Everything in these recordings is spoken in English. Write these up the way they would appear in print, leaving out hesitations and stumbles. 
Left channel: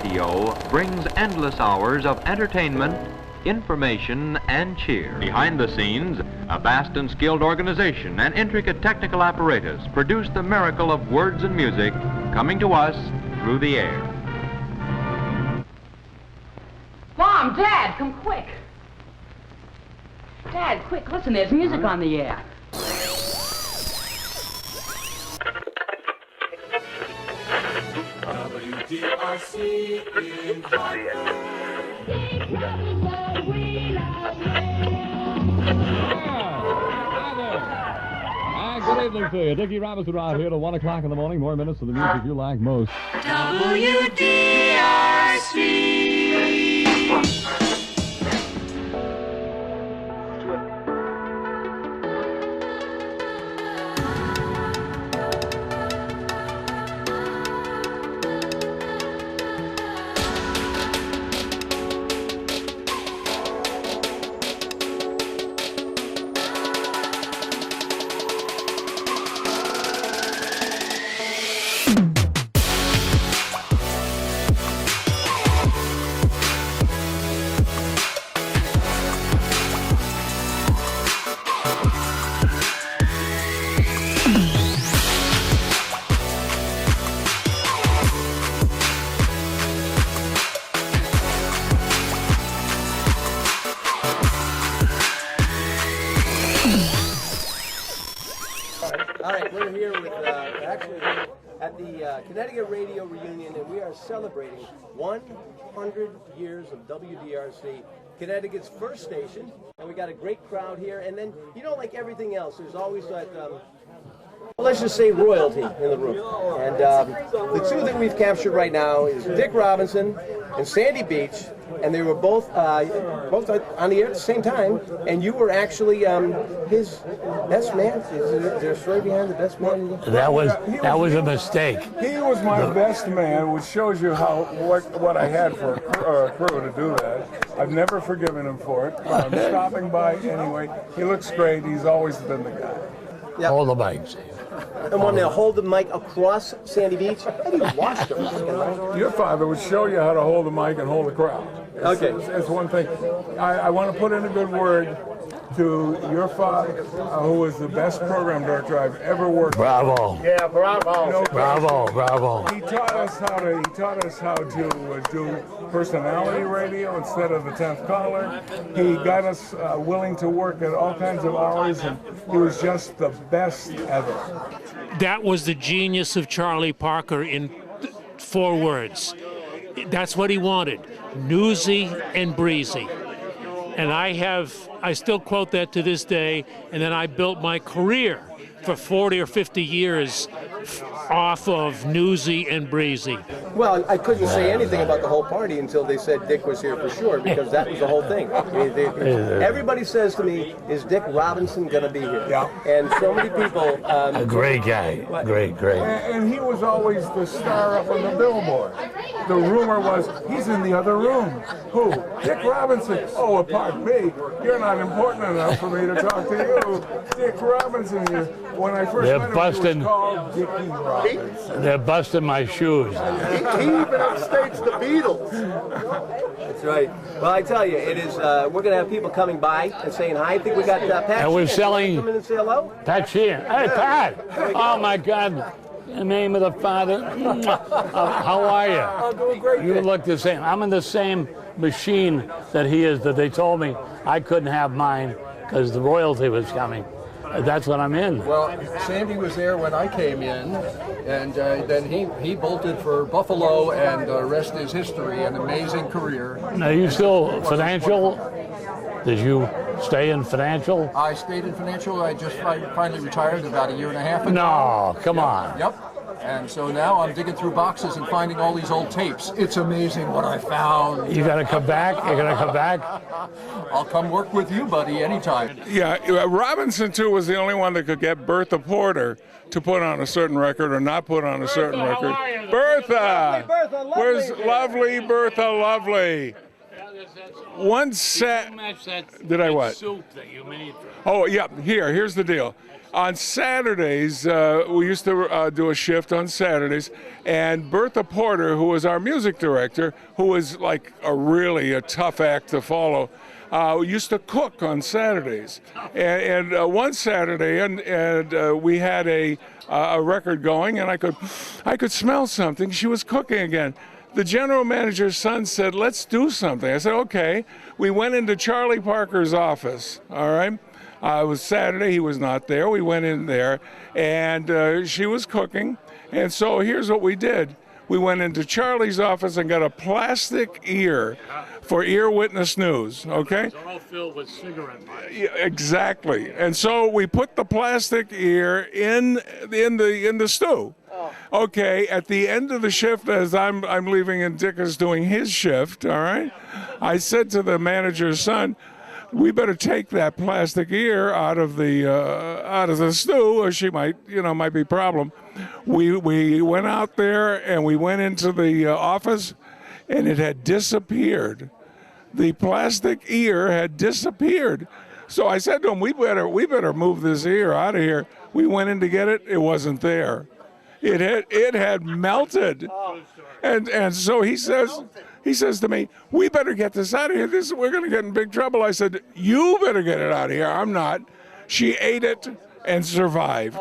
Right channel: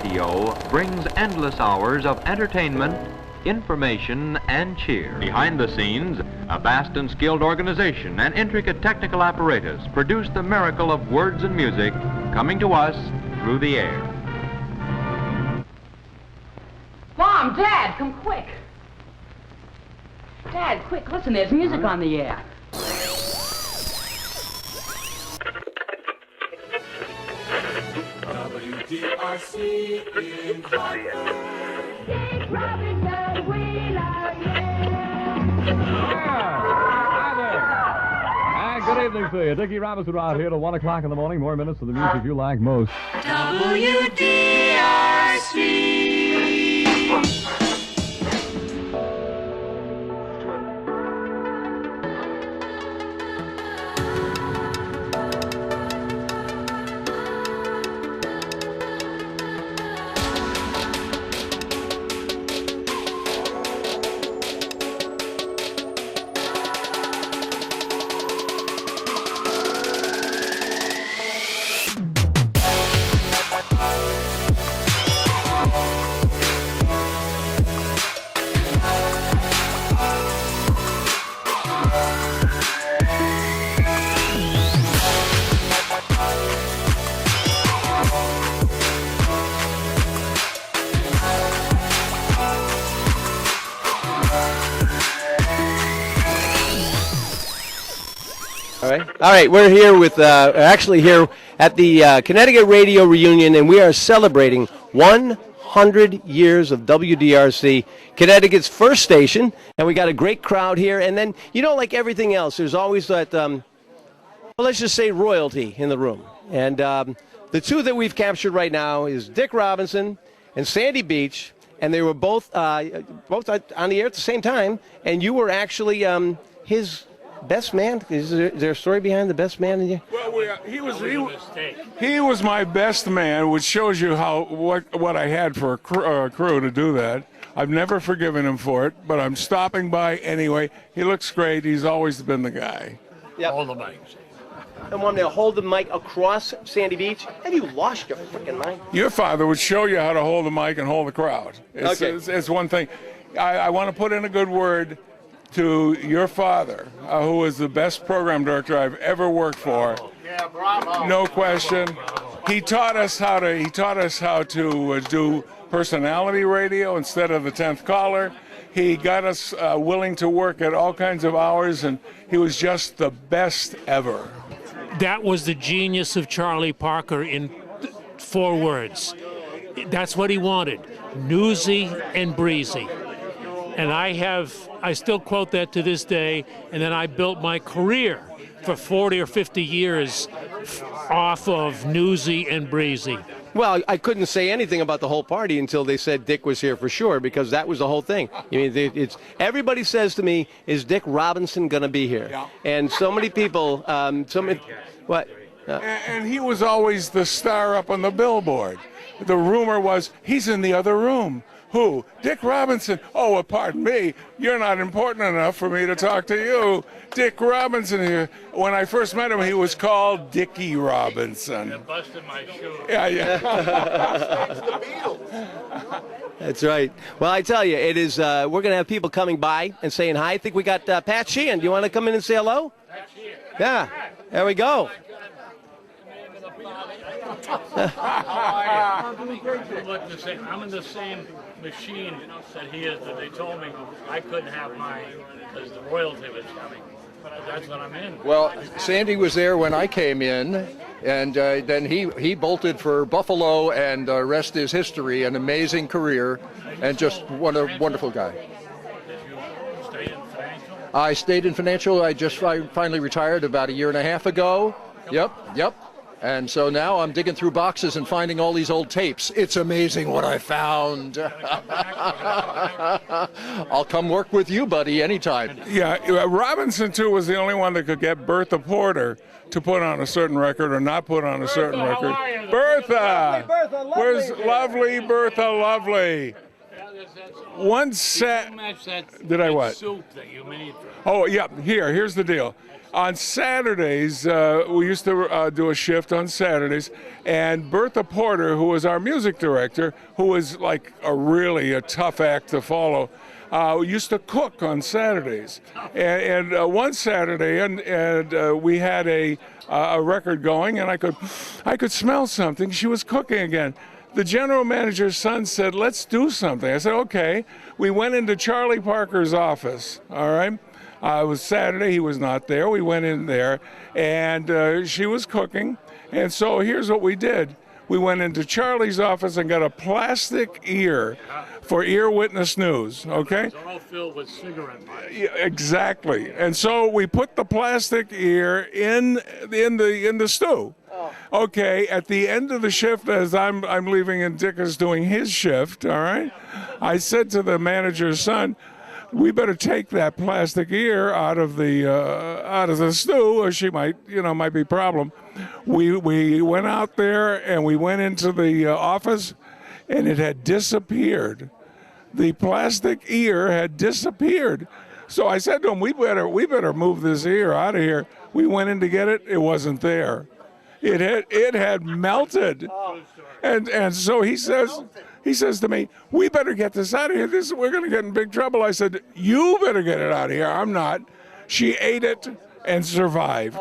radio brings endless hours of entertainment, information, and cheer. Behind the scenes, a vast and skilled organization and intricate technical apparatus produce the miracle of words and music coming to us through the air. Mom, Dad, come quick. Dad, quick, listen, there's music on the air. WDRC in Hartford. Dick Robinson, we love you. Hi there. Good evening to you. Dickie Robinson right here till 1 o'clock in the morning. More minutes of the music you like most. WDRC. All right, we're here with, actually here at the Connecticut Radio Reunion, and we are celebrating 100 years of WDRC, Connecticut's first station, and we got a great crowd here. And then, you know, like everything else, there's always that, well, let's just say royalty in the room. And the two that we've captured right now is Dick Robinson and Sandy Beach, and they were both on the air at the same time, and you were actually his best man. Is there a story behind the best man? That was a mistake. He was my best man, which shows you how what I had for a crew to do that. I've never forgiven him for it, but I'm stopping by anyway. He looks great. He's always been the guy. Yep. Hold the mics. I want to hold the mic across Sandy Beach. Have you lost your fucking mind? Your father would show you how to hold the mic and hold the crowd. It's one thing. I want to put in a good word to your father, who was the best program director I've ever worked for. Yeah, bravo. No question. Bravo. He taught us how to do personality radio instead of the 10th caller. He got us willing to work at all kinds of hours, and he was just the best ever. That was the genius of Charlie Parker in 4 words. That's what he wanted, newsy and breezy. And I still quote that to this day, and then I built my career for 40 or 50 years off of newsy and breezy. Well, I couldn't say anything about the whole party until they said Dick was here for sure, because that was the whole thing. I mean, everybody says to me, "Is Dick Robinson going to be here?" Yeah. And so many people. A great guy. What? Great. And he was always the star up on the billboard. The rumor was, he's in the other room. Who? Dick Robinson. Oh, pardon me. You're not important enough for me to talk to you. Dick Robinson here. When I first met him, he was called Dickie Robinson. They're busting my shoes. Yeah. He upstates the Beatles. That's right. Well, I tell you, it is. We're going to have people coming by and saying hi. I think we got Pat Sheehan. Do you want to come in and say hello? Pat Sheehan. Hey, Yeah. Pat. There we go. Oh, my God. In the name of the Father. How are you? I'm doing great. You look the same. I'm in the same machine that he is, that they told me I couldn't have mine because the royalty was coming. That's what I'm in. Well, Sandy was there when I came in, and then he bolted for Buffalo, and the rest is history. An amazing career. Now, you and still just what financial? a wonderful guy. Did you stay in financial? I stayed in financial. I finally retired about a year and a half ago. No, come on. Yep. And so now I'm digging through boxes and finding all these old tapes. It's amazing what I found. You gotta come back? You're gonna come back? I'll come work with you, buddy, anytime. Yeah, Robinson, too, was the only one that could get Bertha Porter to put on a certain record or not put on a certain record. Bertha! Where's lovely Bertha Lovely? one set. Did I what? Soup that you made. Oh, yeah. Here's the deal. On Saturdays, we used to do a shift on Saturdays, and Bertha Porter, who was our music director, who was like really a tough act to follow, used to cook on Saturdays. And one Saturday, and we had a record going, and I could smell something. She was cooking again. The general manager's son said, "Let's do something." I said, "Okay." We went into Charlie Parker's office, all right? It was Saturday, he was not there. We went in there, and she was cooking. And so here's what we did. We went into Charlie's office and got a plastic ear for Ear Witness News, okay? It's all filled with cigarette butts. Yeah, exactly. And so we put the plastic ear in the stew. Okay, at the end of the shift, as I'm leaving and Dick is doing his shift, all right, I said to the manager's son, "We better take that plastic ear out of the stew, or she might be a problem." We went out there and we went into the office, and it had disappeared. The plastic ear had disappeared. So I said to him, "We better move this ear out of here." We went in to get it. It wasn't there. It had melted. And so he says to me, "We better get this out of here. We're going to get in big trouble." I said, "You better get it out of here. I'm not." She ate it and survived.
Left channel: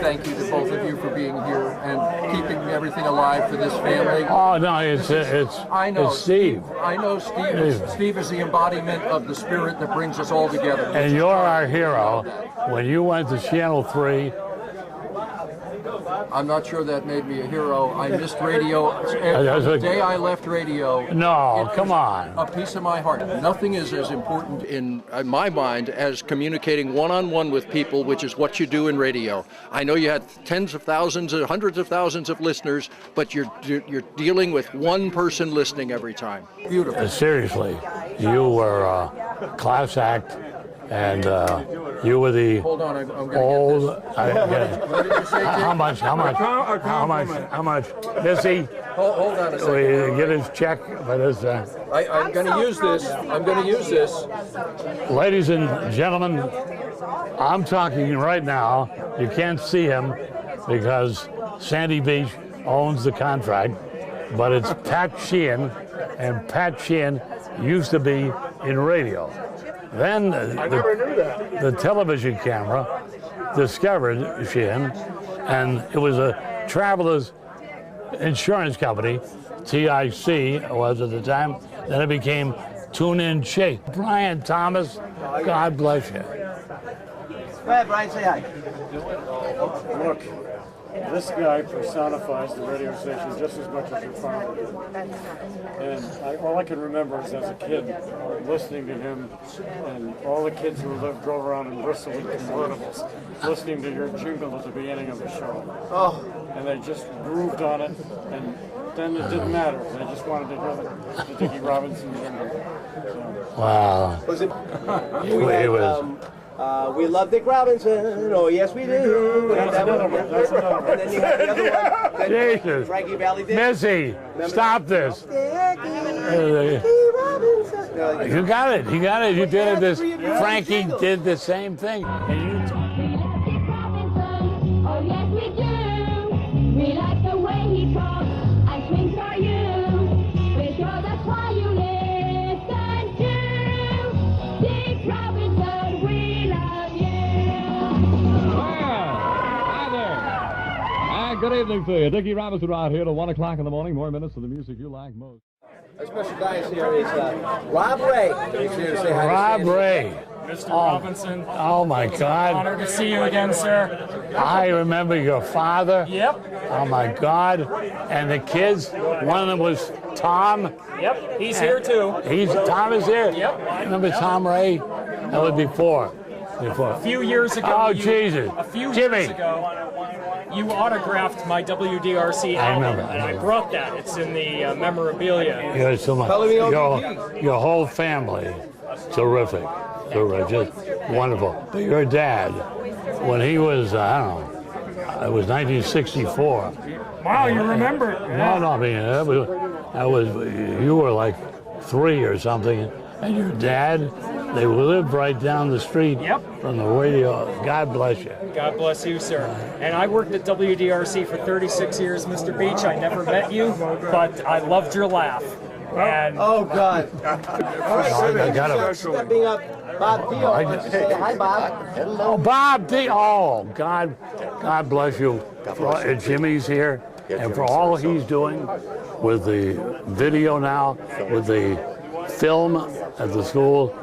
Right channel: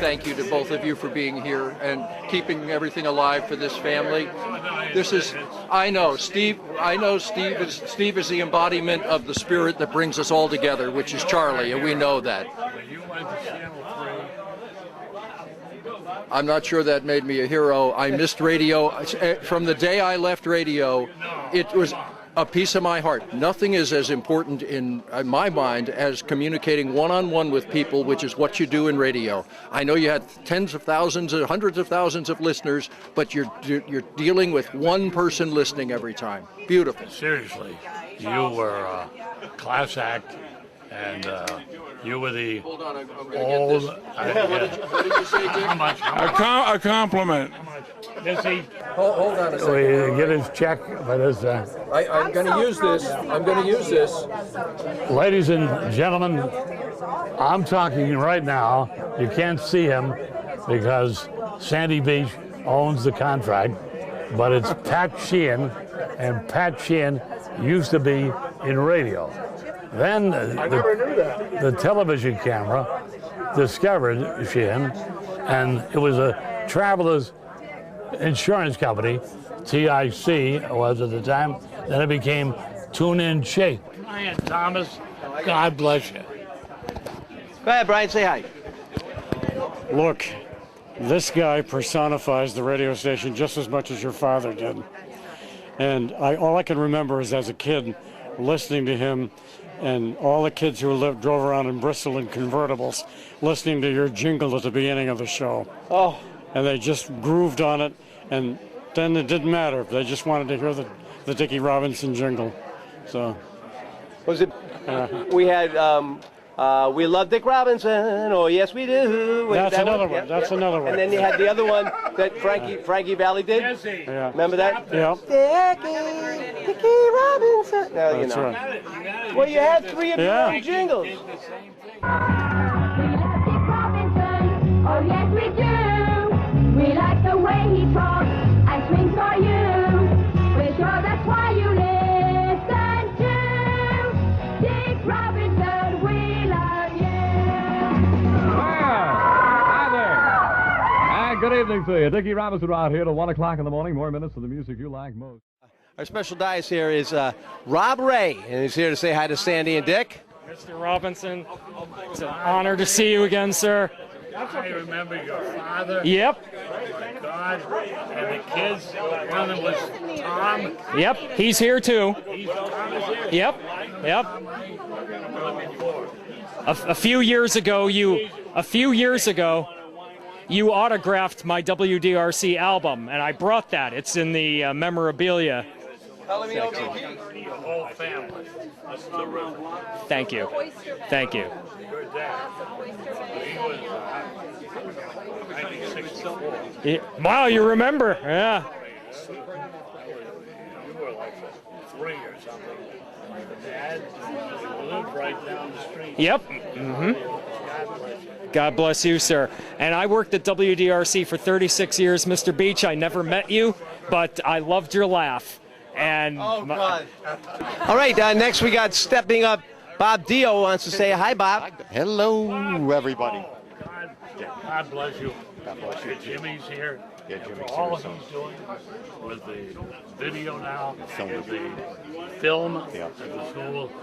Thank you to both of you for being here and keeping everything alive for this family. Oh no, I know it's Steve. I know Steve. Steve is the embodiment of the spirit that brings us all together, which is Charlie, and we know that. When you went to Channel 3, I'm not sure that made me a hero. I missed radio from the day I left radio. No, it was a piece of my heart. Nothing is as important in my mind as communicating one-on-one with people, which is what you do in radio. I know you had tens of thousands or hundreds of thousands of listeners, but you're dealing with one person listening every time. Beautiful. Seriously, you were a class act, and you were the Hold on, I'm going old. to get this. What did you say, Jim? How much? A compliment. How much? Missy, Hold on a second. we get his check for this. I'm going to use this. I'm going to use this. Ladies and gentlemen, I'm talking right now. You can't see him because Sandy Beach owns the contract, but it's Pat Sheehan, and Pat Sheehan used to be in radio. Then the television camera discovered Sheehan, and it was a Travelers Insurance Company, TIC was at the time. Then it became Tune In Shake. Brian Thomas, God bless you. Go ahead, Brian, say hi. Look, this guy personifies the radio station just as much as your father did. And all I can remember is as a kid listening to him and all the kids who drove around in Bristol in convertibles listening to your jingle at the beginning of the show. Oh. And they just grooved on it, and then it didn't matter. They just wanted to hear the Dickie Robinson jingle. So. Wow. Was it? We had We love Dick Robinson. Oh, yes, we do. That's another one. That's another one. And then you had the other one that Frankie Valli did. Missy, Remember stop that? this. Dickie Robinson. No, You got it. You got it. Well, You you had did this. 3 of your own Frankie jingles. did the same thing. We love Dick Robinson, oh yes we do. We like the way he talks and swings for you. We're sure that's why you listen to Dick Robinson, we love you. Hi there. And good evening to you. Dickie Robinson out here till 1 o'clock in the morning. More minutes of the music you like most. Our special guest here is Rob Ray. And he's here to say hi to Rob Sandy and Ray. Dick. Mr. Robinson, Oh, my God. honored to see you again, sir. I remember your father. Yep. Oh, my God. And the kids, one of them was Tom. Yep, he's here too. Tom is here. Yep. Remember Yep. Tom Ray? That was before. A few years ago, Oh, Jesus. a few Jimmy. years ago, you autographed my WDRC album, remember. and I brought that. It's in the memorabilia. You're so much. Your whole family, terrific. Thank you. Just Thank wonderful. Your dad, when he was, I don't know, it was 1964. Wow, you remember? No, I mean, that was, you were like 3 or something, and your dad, they lived right down the street. Yep. From the radio. God bless you. God bless you, sir. And I worked at WDRC for 36 years, Mr. Beach. I never met you, but I loved your laugh. And Oh, God. All right, next we got stepping up. Bob Dio wants to say hi, Bob. Hello, Bob. Oh, God bless you. Jimmy's here, and for all he's doing with the video now, with the film at the school.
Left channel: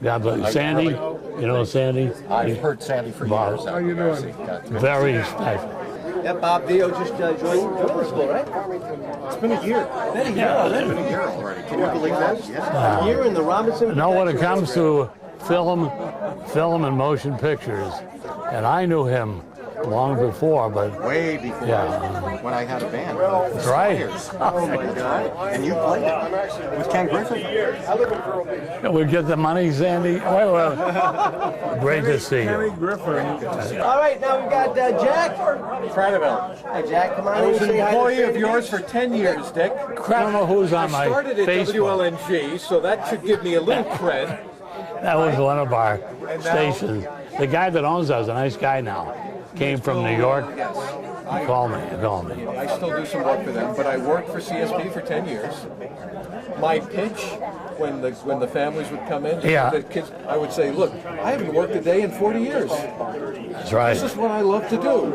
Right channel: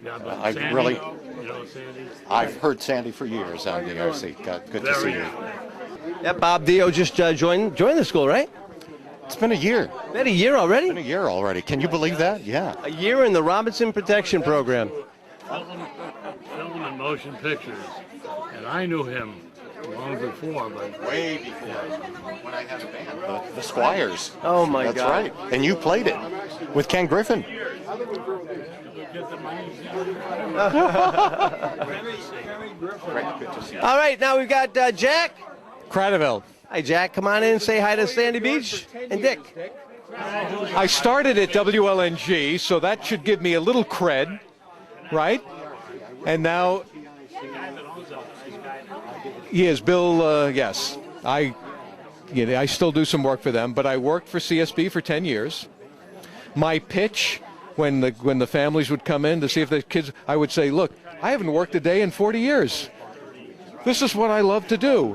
God bless Sandy. You know Sandy? I've heard Sandy for years. How you doing? Very special. Yeah, Bob Dio just joined the school, right? It's been a year. Been a year already? It's been a year already. Can you believe that? Yeah. A year in the Robinson When Protection it comes Program. to film and motion pictures, and I knew him long before, but Way before yeah. when I had a band. That's right. Squires. Oh, my That's God. right. And you played it with Ken Griffin. We get the money, Sandy. Great to see you. All right, now we've got Jack. Cradaville. Hey, Jack, come on in and say hi to Sandy Beach. For 10 and years, Dick. Who's on I my started at Facebook. WLNG, so that should give me a little cred. That right? was one of our And now- stations. The guy that owns us is a nice guy now. Yes, Came from New Bill. York. Yes, Call me. Yeah, I still do some work for them, but I worked for CSB for 10 years. My pitch, when the families would come in to see Yeah. if the kids, I would say, look, I haven't worked a day in 40 years. That's right. This is what I love to do.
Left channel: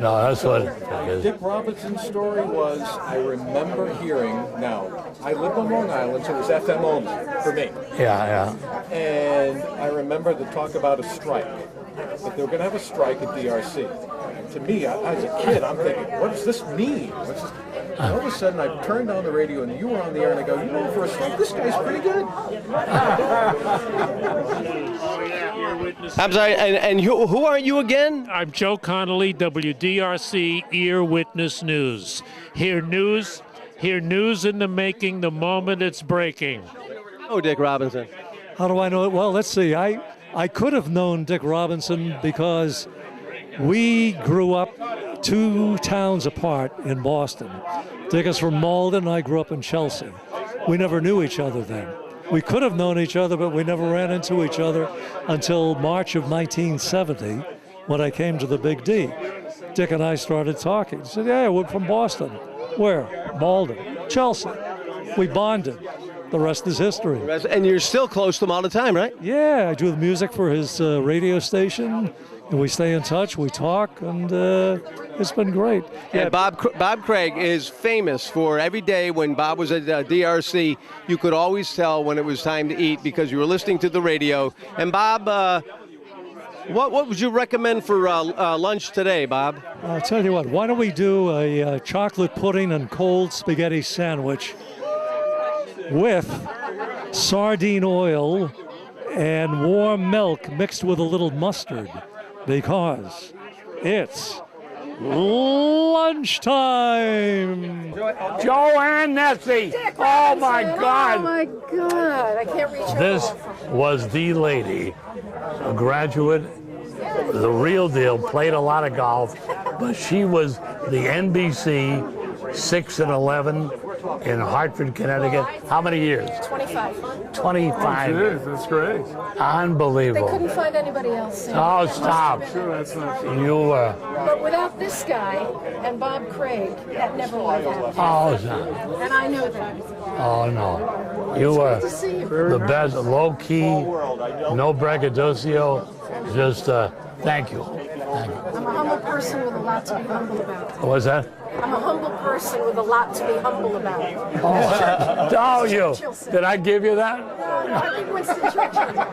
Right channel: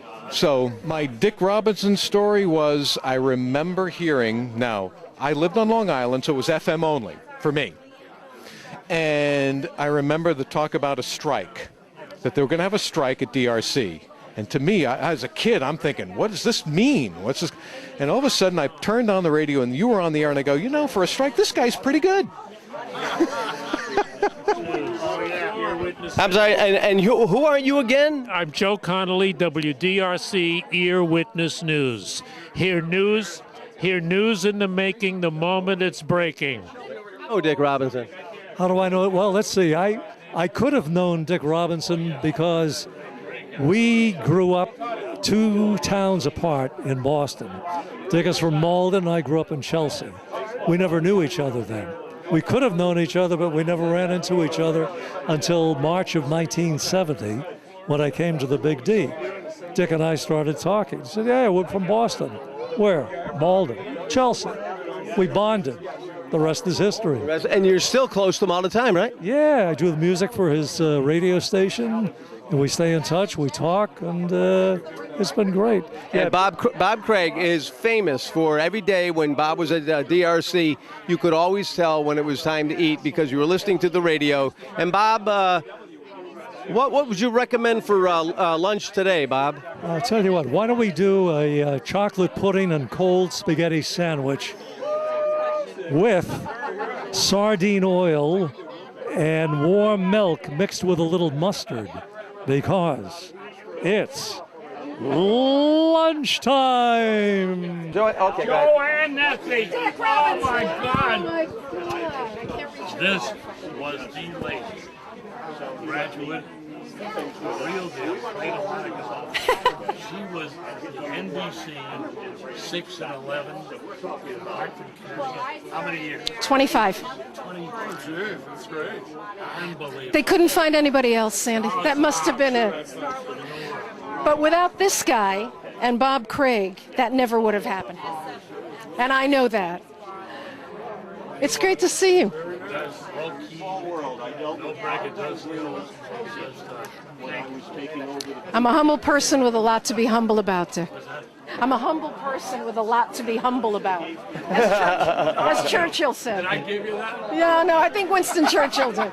No, that's So what my it is. Dick Robinson story was, I remember hearing, now, I lived on Long Island, so it was FM only for me. Yeah. And I remember the talk about a strike, that they were going to have a strike at DRC. And to me, as a kid, I'm thinking, what does this mean? What's this? And all of a sudden, I turned on the radio, and you were on the air, and I go, you know, for a strike, this guy's pretty good. I'm sorry, and who are you again? I'm Joe Connolly, WDRC Ear Witness News. Hear news in the making the moment it's breaking. Oh, Dick Robinson. How do I know it? Well, let's see. I could have known Dick Robinson because we grew up 2 towns apart in Boston. Dick is from Malden, I grew up in Chelsea. We never knew each other then. We could have known each other, but we never ran into each other until March of 1970 when I came to the Big D. Dick and I started talking. He said, yeah, we're from Boston. Where? Malden. Chelsea. We bonded. The rest is history. And you're still close to him all the time, right? Yeah, I do the music for his radio station, and we stay in touch, we talk, and it's been great. Yeah, Bob Craig is famous for every day when Bob was at DRC, you could always tell when it was time to eat because you were listening to the radio. And Bob, what would you recommend for lunch today, Bob? I'll tell you what, why don't we do a chocolate pudding and cold spaghetti sandwich with sardine oil and warm milk mixed with a little mustard, because it's lunchtime. JoAnn Nesti. Oh my God. Oh my God. I can't reach This was the lady, a graduate, the real deal, played a lot of golf, but she was the NBC 6 and 11 in Hartford, Connecticut. How many years? 25. 25. Geez, that's great. Unbelievable. They couldn't find anybody else, Sandy. Oh, That must have stop. been it. You But without this guy and Bob Craig, that never would have happened. oh, no. And I know that. Oh, no. It's great to see you. The best, low key, no braggadocio. Just thank you. I'm a humble person with a lot to be humble about. Dick. What's that? I'm a humble person with a lot to be humble about. Oh, As you. Churchill said. Did I give you that? Yeah, no, I think Winston Churchill did.